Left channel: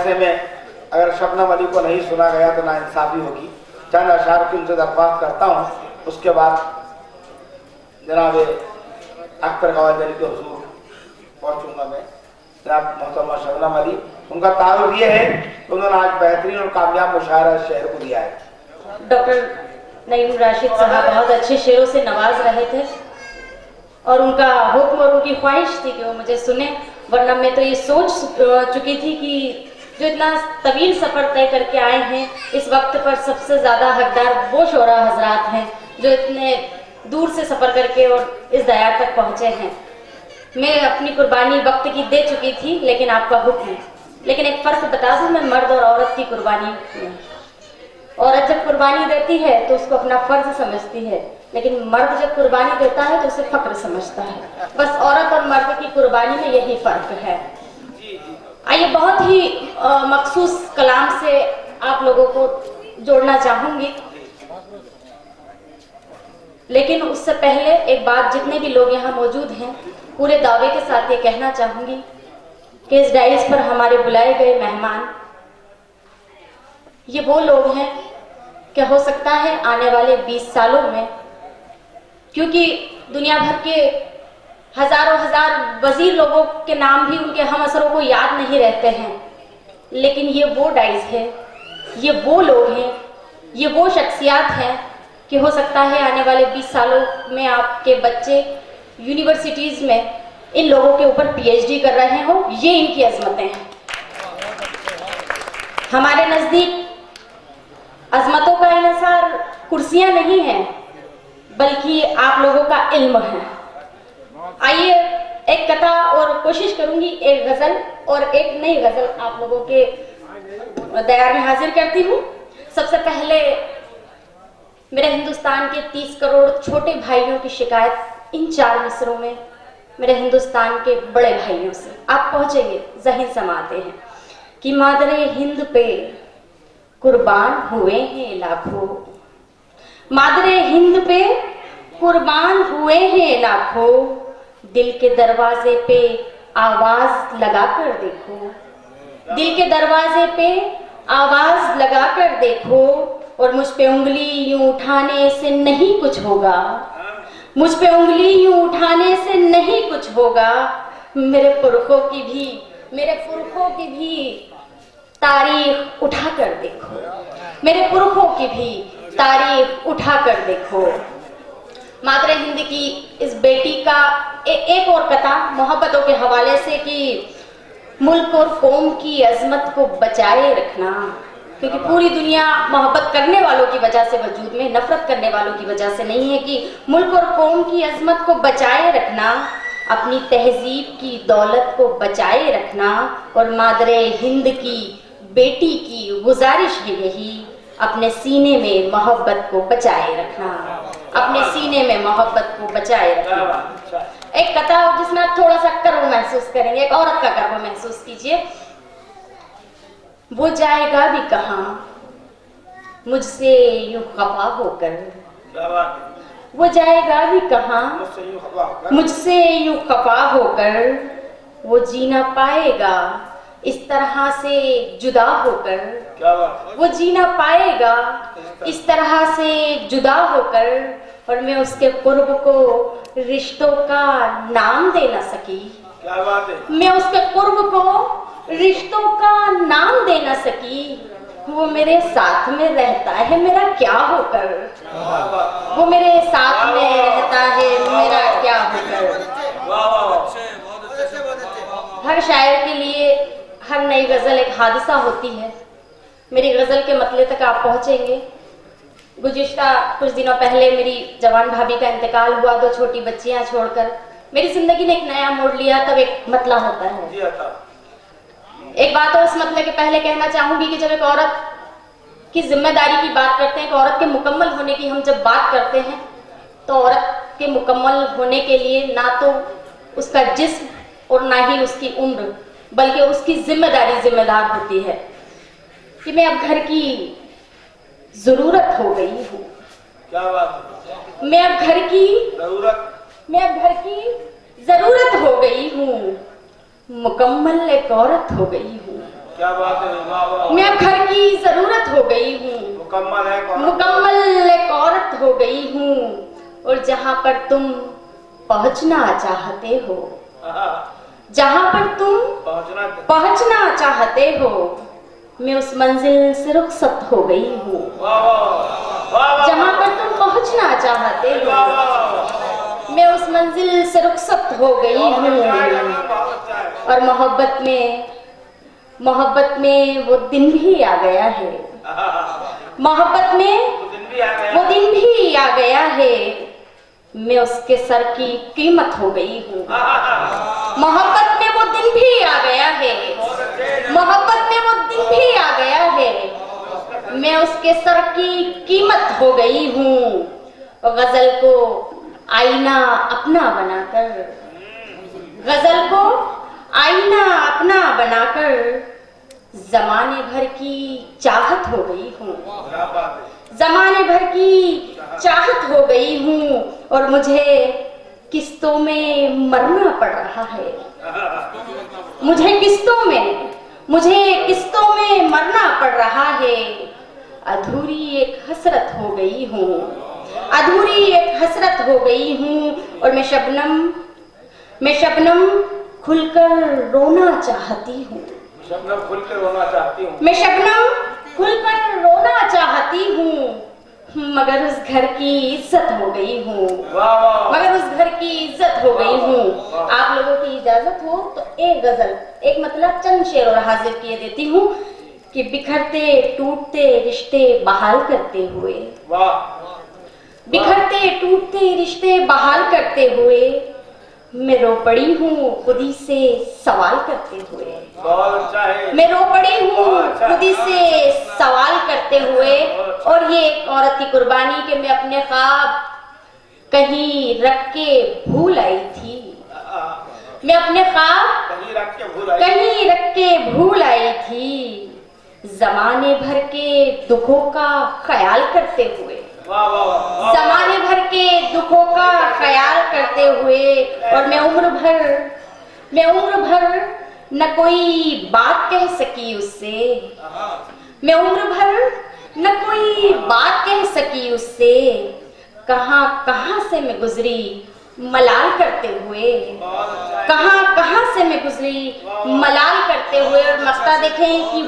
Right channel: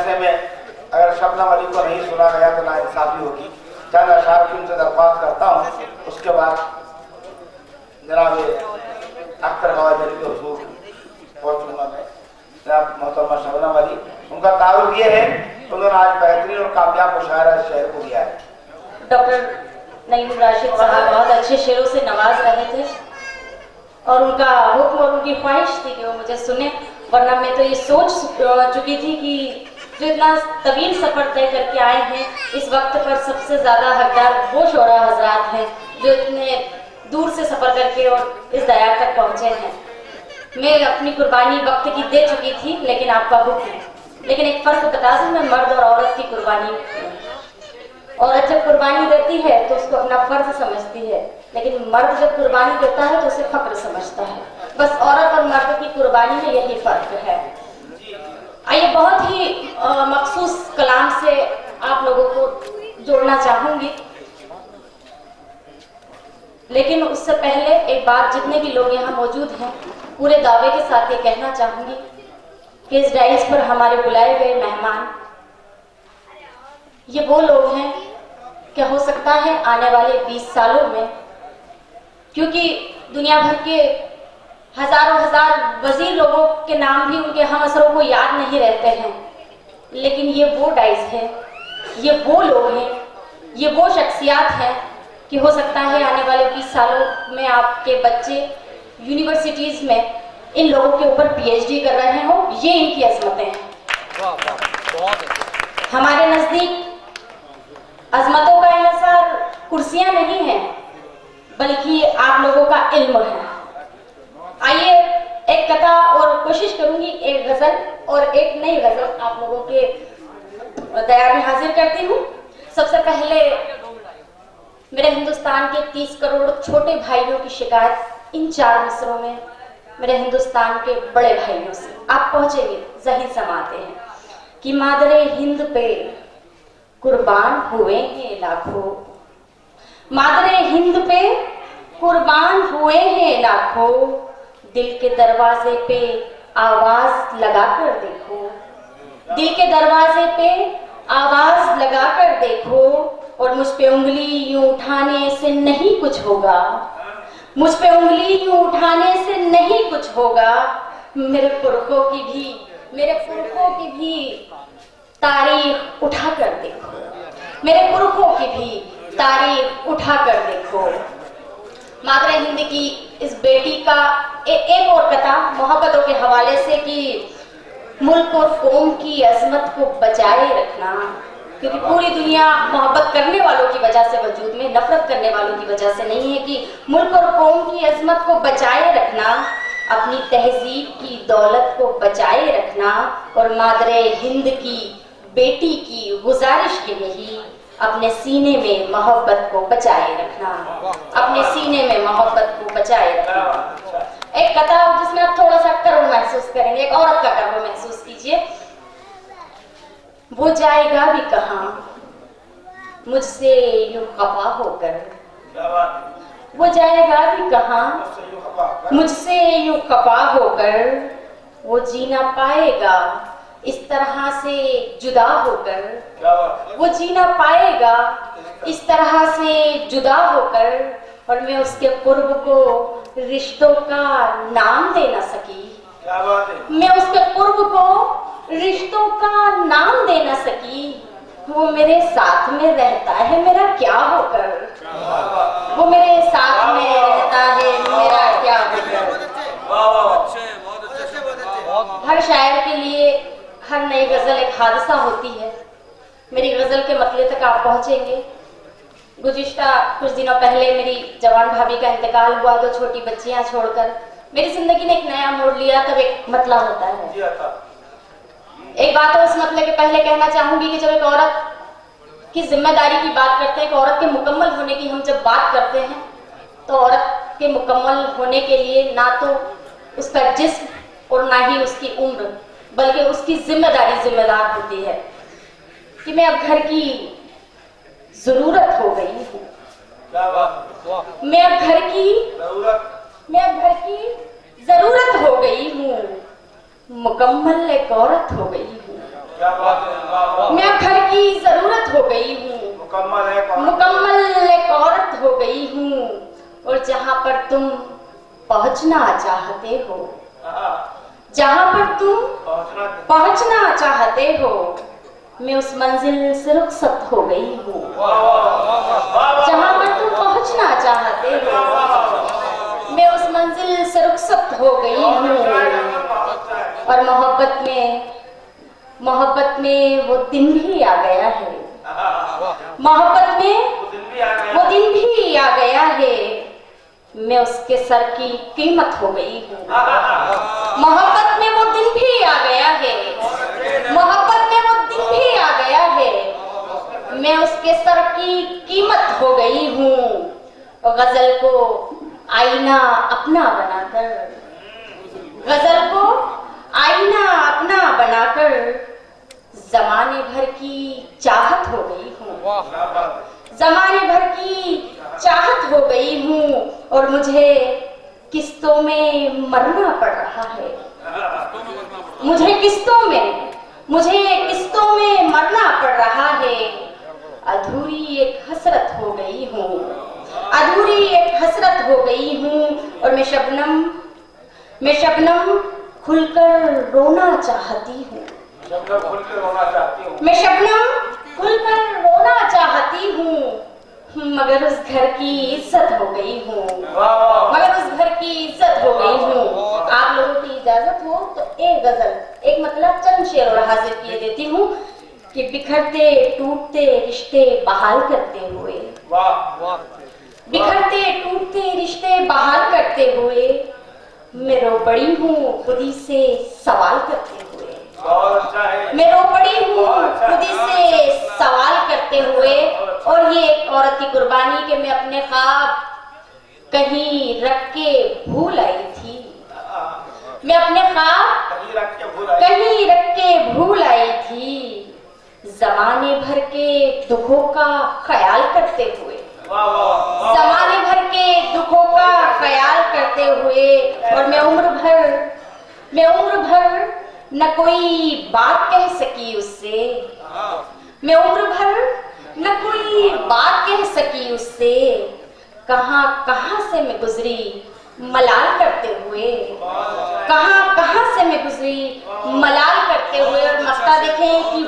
ऐसे में अगर शबनम अली को नहीं सुना गया तो नाइंसाफी होगी। चंद अशार की उनसे दरख्वास्त करता हूँ, उसके बाद जनाब अख्तर खवाजा अली के हुजूर पहुँचूँगा मैं। जनाब मोहतरमा शबनम अली, उनका तारुफ ये है उन्होंने आज बेहतरीन और कामयाब मुशायरा शहर को दिया है। डॉक्टर नईम राशिद साहब बहुत अच्छे शेरों से नवाज रहे थे और उनका हुक्म और उनकी ख्वाहिश थी कि वो मुझे सुने, वरना मैं तो ये सोच चुकी थी कि जो इतना तवील सफ़र तय करके आए हैं, इस वक्त पर सबसे ज़्यादा हकदार वो शोरा हजरात हैं जो इतने दूर से सफ़र करके और इस दयार तक पहुँचे हैं। मैं अपनी कुर्बानी वक्त की दे चुकी थी, लेकिन आपका हुक्म है। लेकिन एक फ़र्क बता दूँ, मैं मर्द और औरत की कुर्बानी, औरत जब कुर्बानी देती है तो उसको अपना फ़र्ज समझती है, लेकिन मर्द जब कुर्बानी देता है तो उसे फ़ख्र समझता है। बस औरत और मर्द की कुर्बानी में यही फ़र्क है। आइए बहुत ही मखसूस कलाम से आप लोगों को जोड़ना चाहूँगी, लेकिन उससे पहले एक बात जितने भी लोग यहाँ मौजूद हैं पूरे दावे के साथ ये कहना चाहूँगी कि इस डाइस पर हमारे बुलाए गए मेहमान ये वो लोग हैं कि हो सकता है आने वाले 20 सालों में, क्योंकि दुनिया भर के हजारों हजार वजीर लोगों के नाम भी उनके हम असरों को याद नहीं रहते हैं, लेकिन ये वो डाइस है, ये वो लोग हैं, ये वो शख्सियात हैं कि हो सकता है आने वाले 20 सालों में आपके बच्चे यूनिवर्सिटीज़ में इन लोगों के ऊपर पीएचडी कर रहे हो। ये इनकी अजमतें हैं। हमारे नज़दीक अजमतों का इन्हिसार कुर्सियां नहीं है, बल्कि आप लोगों का इल्म है। आइए एक कथा और कोशिश करूंगी, एक गजल और एक नई गजल आप लोगों के दयार में हाजिर करती हूँ। सबसे पहले मेरे हिंदुस्तान के 30 करोड़ छोटे भाइयों की शिकायत इन 4 मिसरों में मेरे हिंदुस्तान के बड़े भाइयों से आप पहुंचेंगे, ज़हीन समाते हैं कि मादरे हिंद पे कुर्बान हुए हैं लाखों, मादरे हिंद पे कुर्बान हुए हैं लाखों, दिल के दरवाजे पे आवाज लगा कर देखो, दिल के दरवाजे पे आवाज लगा कर देखो, और मुझ पे उंगली यूं उठाने से नहीं कुछ होगा, मुझ पे उंगली यूं उठाने से नहीं कुछ होगा, मेरे पुरखों की भी तारीख उठा कर देखो, मेरे पुरखों की भी तारीख उठा कर देखो। मादरे हिंद की इस बेटी का एक और कथा मोहब्बतों के हवाले से कि मुल्क और कौम की अजमत को बचाए रखना, क्योंकि पूरी दुनिया मोहब्बत करने वालों की वजह से वजूद में, नफरत करने वालों की वजह से नहीं है, कि मुल्क और कौम की अजमत को बचाए रखना, अपनी तहजीब की दौलत को बचाए रखना। और मादरे हिंद की बेटी की गुजारिश ये रही, अपने सीने में मोहब्बत को बचाए रखना, अपने सीने में मोहब्बत को बचाए रखना। एक कथा जिसमें आप थोड़ा सा कर्व महसूस करेंगे, एक औरत का कर्व महसूस कीजिए। वो जाएगा भी कहाँ मुझसे यूं खफा होकर, वो जाएगा भी कहाँ मुझसे यूं खफा होकर, वो जीना पाएगा इस तरह से जुदा होकर, वो जीना पाएगा इस तरह से जुदा होकर, और मैं उसके कुर्ब को रिश्तों का नाम दे ना सकी, मैं उसके कुर्ब को रिश्तों का नाम दे ना सकी, वो मेरे साथ में रहता है मेरा क्या होकर, वो मेरे साथ में रहता है मेरा क्या होकर। हर शायर के लिए हर नई गजल एक हादसा होती है। मेरी गजल के मतले तक आप पहुंचेंगे। गुज़िश्ता कुछ दिनों पहले मेरी जवान भाभी का इंतकाल हुआ, 2 छोटी बच्चियां छोड़कर। मेरी जिंदगी ने एक नया मोड़ लिया, तब एक मतला होता है। एक बात और इस मतले के पहले कहना चाहूंगी कि जब एक औरत की जिम्मेदारी की बात करते हैं, एक औरत के मुकम्मल होने की हम जब बात करते हैं, तो औरत के मुकम्मल होने के लिए ना तो उसका जिस्म और ना ही उसकी उम्र, बल्कि उसकी जिम्मेदार होती है कि मैं अब घर की जरूरत हो गई हूँ, मैं अब घर की जरूरत हो गई हूँ, मुकम्मल एक औरत हो गई हूँ। क्या बात है, वाह वाह। मैं अब घर की जरूरत हो गई हूँ, मुकम्मल एक औरत हो गई हूँ, और जहाँ पर तुम पहुँचना चाहते हो, जहाँ पर तुम पहुँचना चाहते हो, मैं उस मंजिल से रुखसत हो गई हूँ। जहाँ पर तुम पहुँचना चाहते हो, मैं उस मंजिल से रुखसत हो गई हूँ। और मोहब्बत में वो दिन भी आ गया है, मोहब्बत में वो दिन भी आ गया है, मैं उसके सर की कीमत हो गई हूँ। मोहब्बत में वो दिन भी आ गया है, मोहब्बत में वो दिन भी आ गया है, मैं उसके सर की कीमत हो गई हूँ। गजल को आईना अपना बनाकर, गजल को आईना अपना बनाकर जमाने भर की चाहत हो गई हूँ, जमाने भर की चाहत हो गई हूँ। और मुझे किस्तों में मरना पड़ रहा है, मुझे किस्तों में मरना पड़ रहा है। अधूरी एक हसरत हो गई हूँ, अधूरी एक हसरत हो गई हूँ। और मैं शबनम खुलकर रोना चाहती हूँ, मैं शबनम खुलकर रोना चाहती हूँ, मगर उस घर की इज्जत हो गई हूँ, मगर उस घर की इज्जत हो गई हूँ। आप लोगों की इजाजत हो तो एक गजल, एक मतलब चंद शेर और हाजिर किए देती हूँ कि बिखरते टूटते रिश्ते बहाल करते हुए, बिखरते टूटते रिश्ते बहाल करते हुए, मैं रो पड़ी हूँ खुदी से सवाल करते हुए, मैं रो पड़ी हूँ खुदी से सवाल करते हुए। और ये एक औरत की कुर्बानी कि मैं अपने ख्वाब कहीं रख के भूल आई थी, मैं अपने ख्वाब कहीं रख के भूल आई थी, जमाने भर के दुखों का ख्याल करते हुए, जमाने भर के दुखों का ख्याल करते हुए। और मैं उम्र भर न कोई बात कह सकी उससे, मैं उम्र भर न कोई बात कह सकी उससे, कहाँ से मैं गुजरी मलाल करते हुए, कहाँ से मैं गुजरी मलाल करते हुए। और मक्ता देखें कि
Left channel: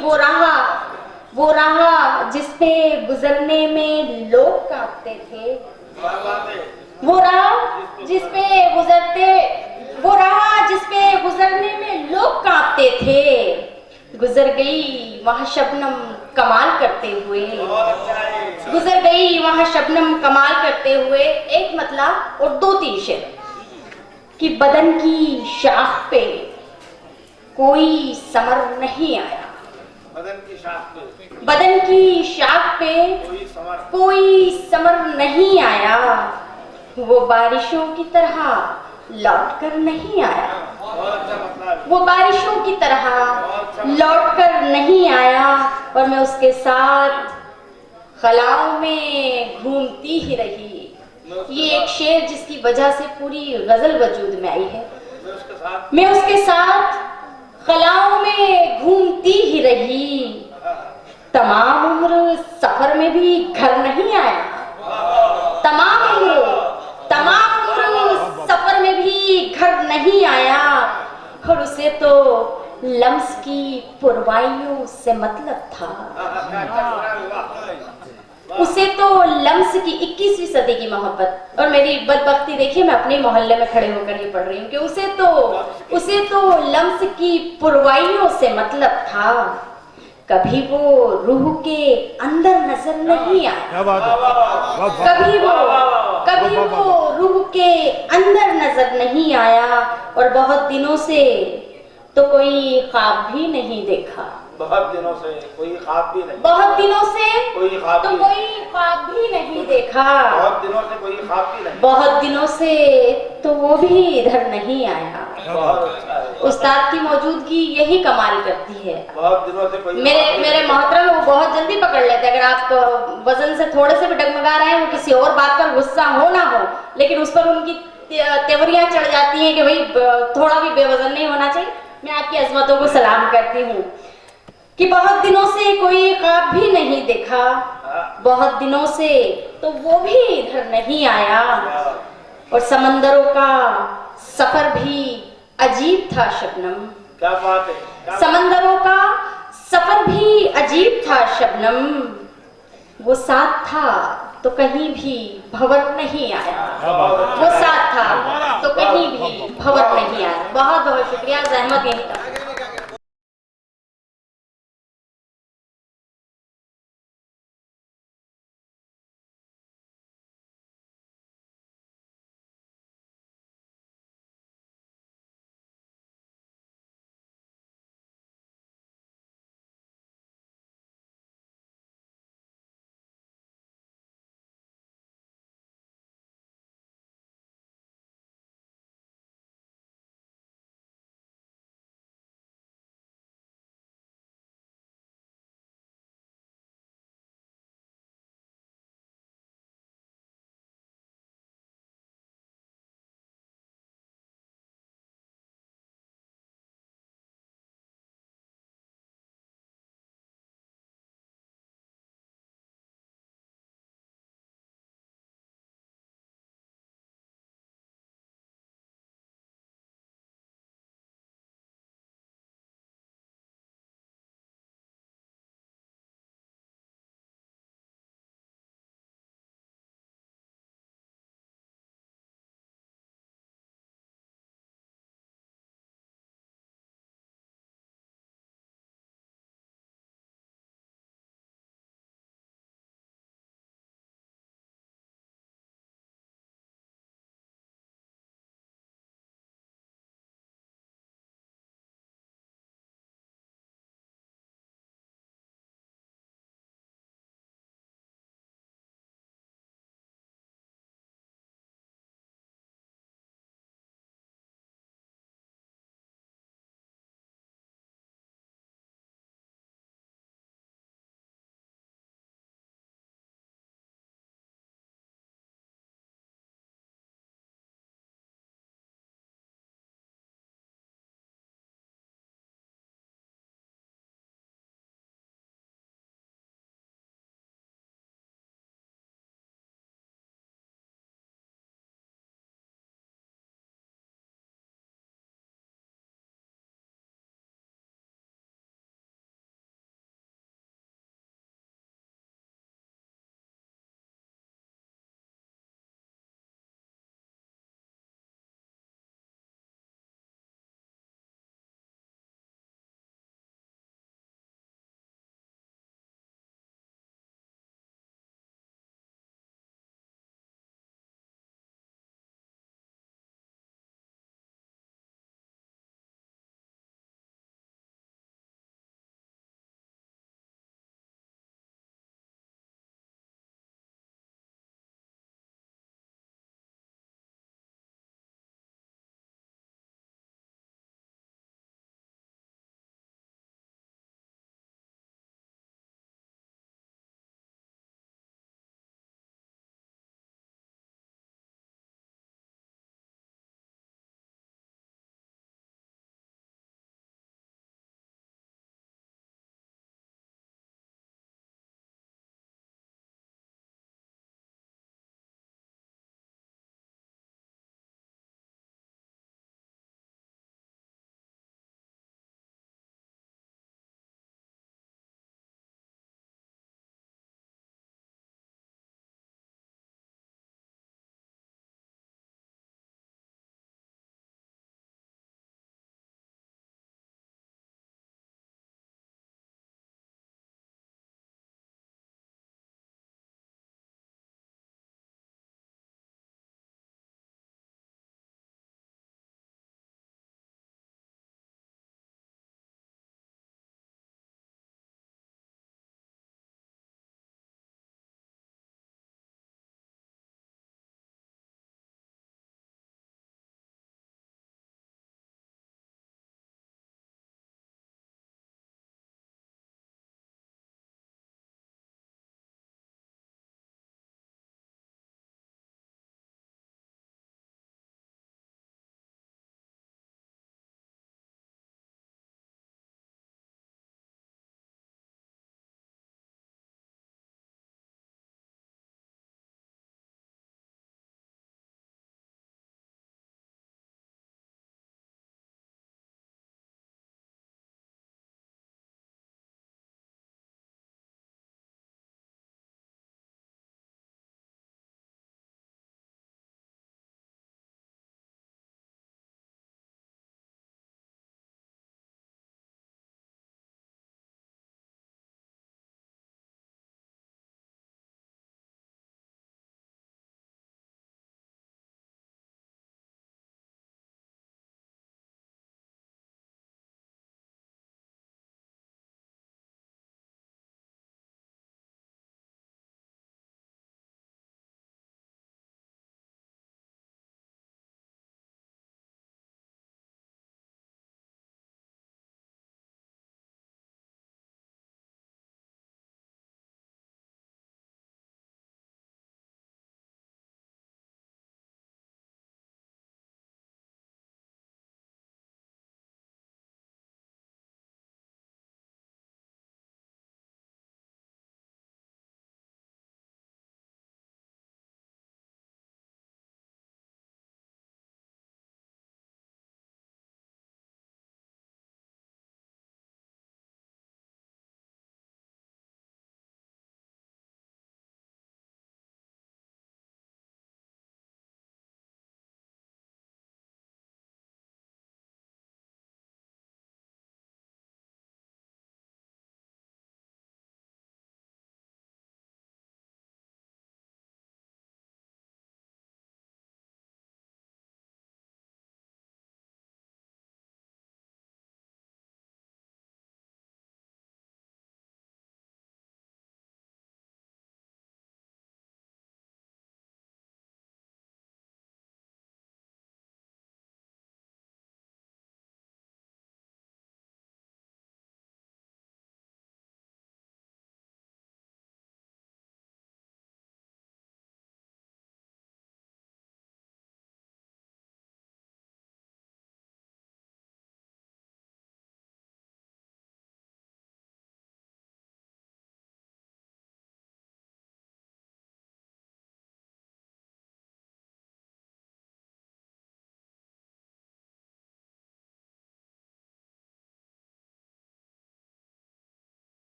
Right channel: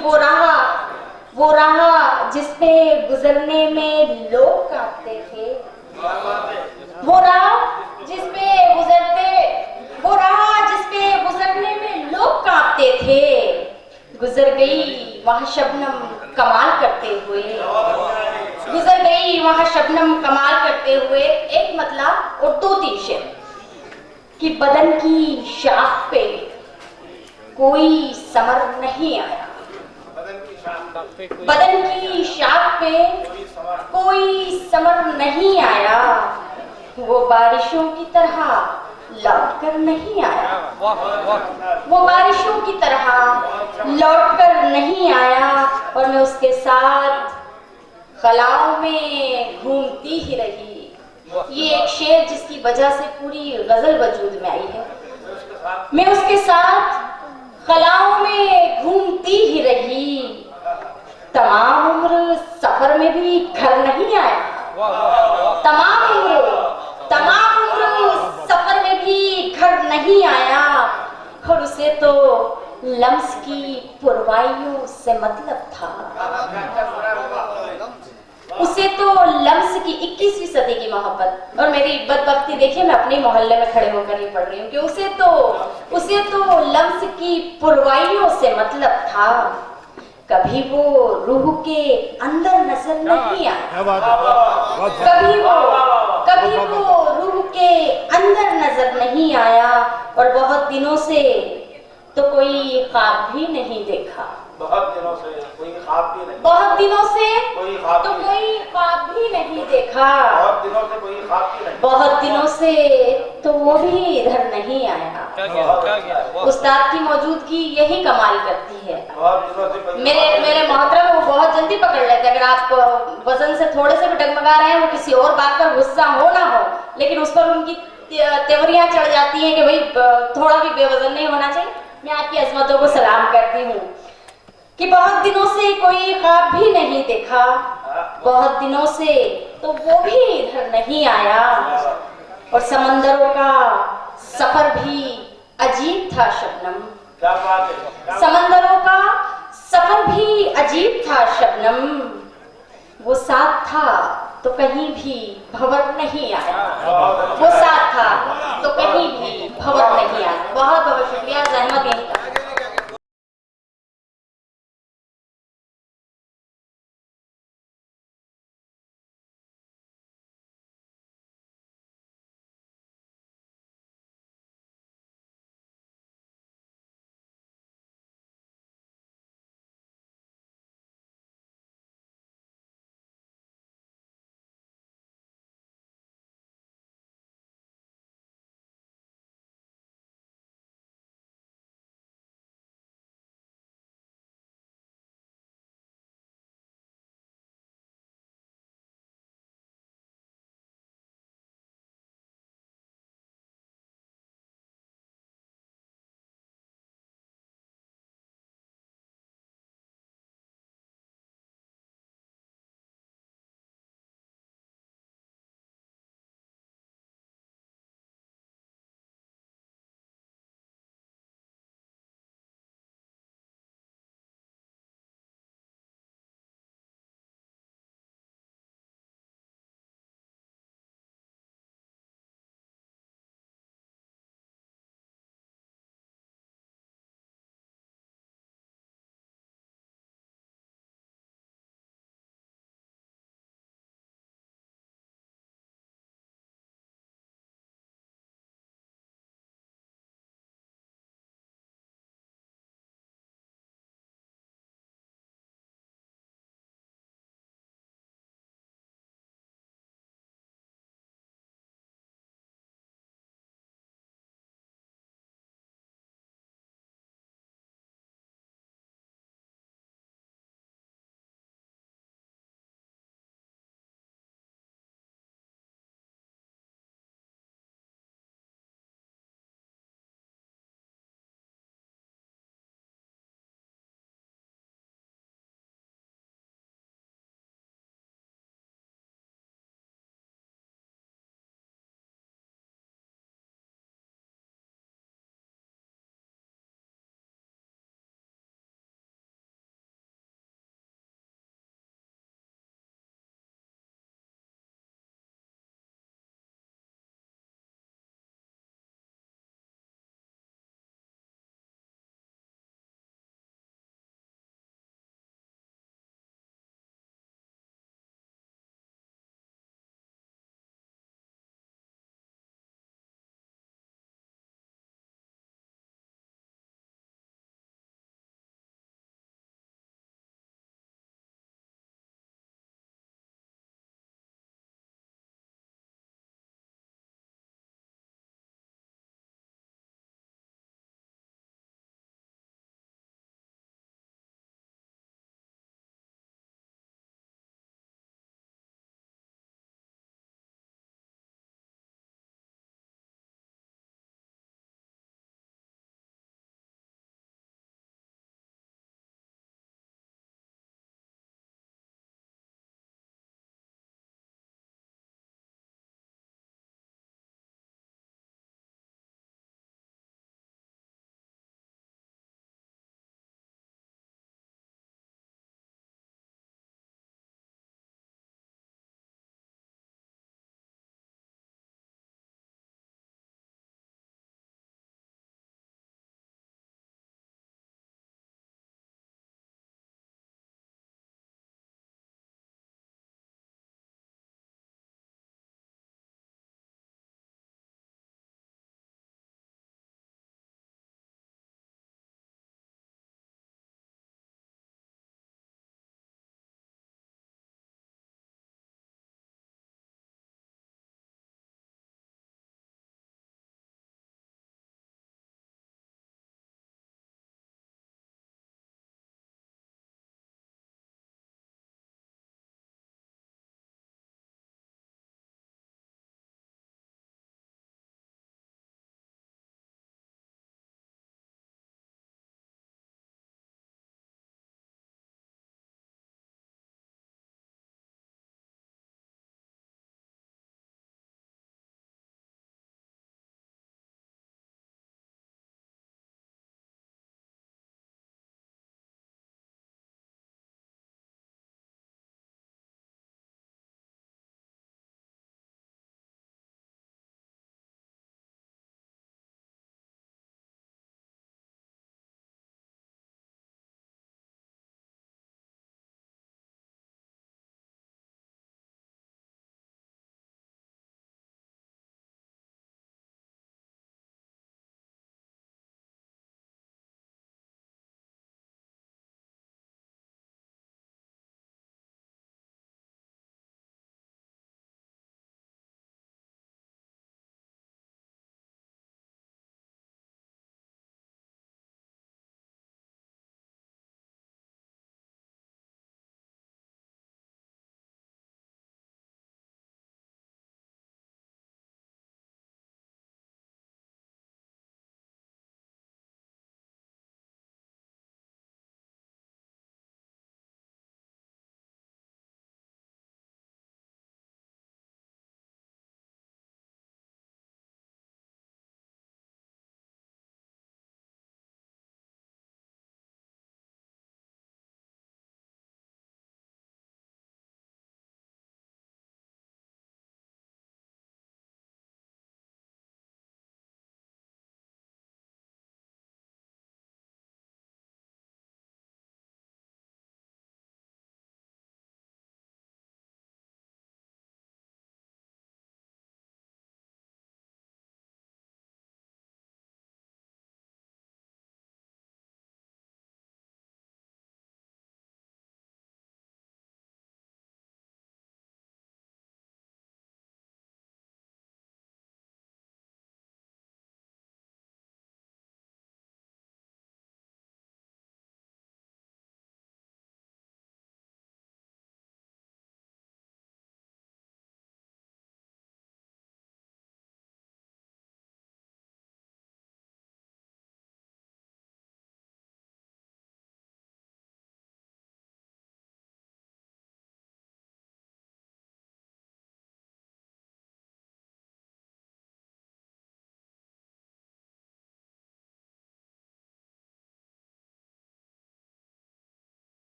वो राह जिस पे गुजरने में लोग कांपते थे, वो राह जिस पे गुजरने में लोग कांपते थे, गुजर गई वहाँ शबनम कमाल करते हुए, गुजर गई वहाँ शबनम कमाल करते हुए। एक मतलब और दो तीन शेर कि बदन की शाख पे कोई समर नहीं आया, बदन की शाख पे कोई समर नहीं आया, वो बारिशों की तरह लौट कर नहीं आया, वो बारिशों की तरह लौट कर नहीं आया। और मैं उसके साथ खलाओं में घूमती ही रही। ये एक शेर जिसकी वजह से पूरी गजल वजूद में आई है। मैं उसके साथ खलाओं में घूमती ही रही, तमाम उम्र सफर में भी घर नहीं आया, तमाम उम्र सफर में भी घर नहीं आया। और उसे तो लम्स की पुरवाइयों से मतलब था, उसे तो लम्स की 21वीं सदी की मोहब्बत। और मेरी बदबख्ती देखिए, मैं अपने मोहल्ले में खड़े होकर नहीं पढ़ रही हूँ कि उसे तो लम्स की पुरवाइयों से मतलब था, कभी वो रूह के अंदर नजर नहीं आया, कभी वो रूह के अंदर नजर नहीं आया। और बहुत दिनों से तो कोई ख्वाब भी नहीं देखा, बहुत दिनों से कोई ख्वाब भी नहीं, बहुत दिनों से कोई ख्वाब तो कोई ख्वाब भी नहीं देखा, बहुत दिनों से कोई ख्वाब भी नहीं, बहुत दिनों से तो वो भी इधर नहीं आया। उस्ताद की मौजूदगी यही कमाल करती है। बहुत दिनों से कोई मेरे मोहतरम वो बहुत जल्दी पकड़ लेते हैं। अगर आप वजन से थोड़े से भी डगमगा रहे हैं, किसी और बात पर गुस्सा हो ना हो, लेकिन उस पर उनकी तेवरियां चढ़ जाती हैं कि भाई थोड़ा भी बेवजन नहीं होना चाहिए। मैं आपकी अजमतों को सलाम करती हूँ। कि बहुत दिनों से कोई ख्वाब भी नहीं देखा, बहुत दिनों से तो वो भी इधर नहीं आया, और समंदरों का सफर भी अजीब था शबनम। क्या बात है। समंदरों का सफर भी अजीब था शबनम, वो साथ था तो कहीं भी भंवर नहीं आया, वो साथ था तो कहीं भी भंवर नहीं आया। बहुत बहुत शुक्रिया, जहमत यहीं तक।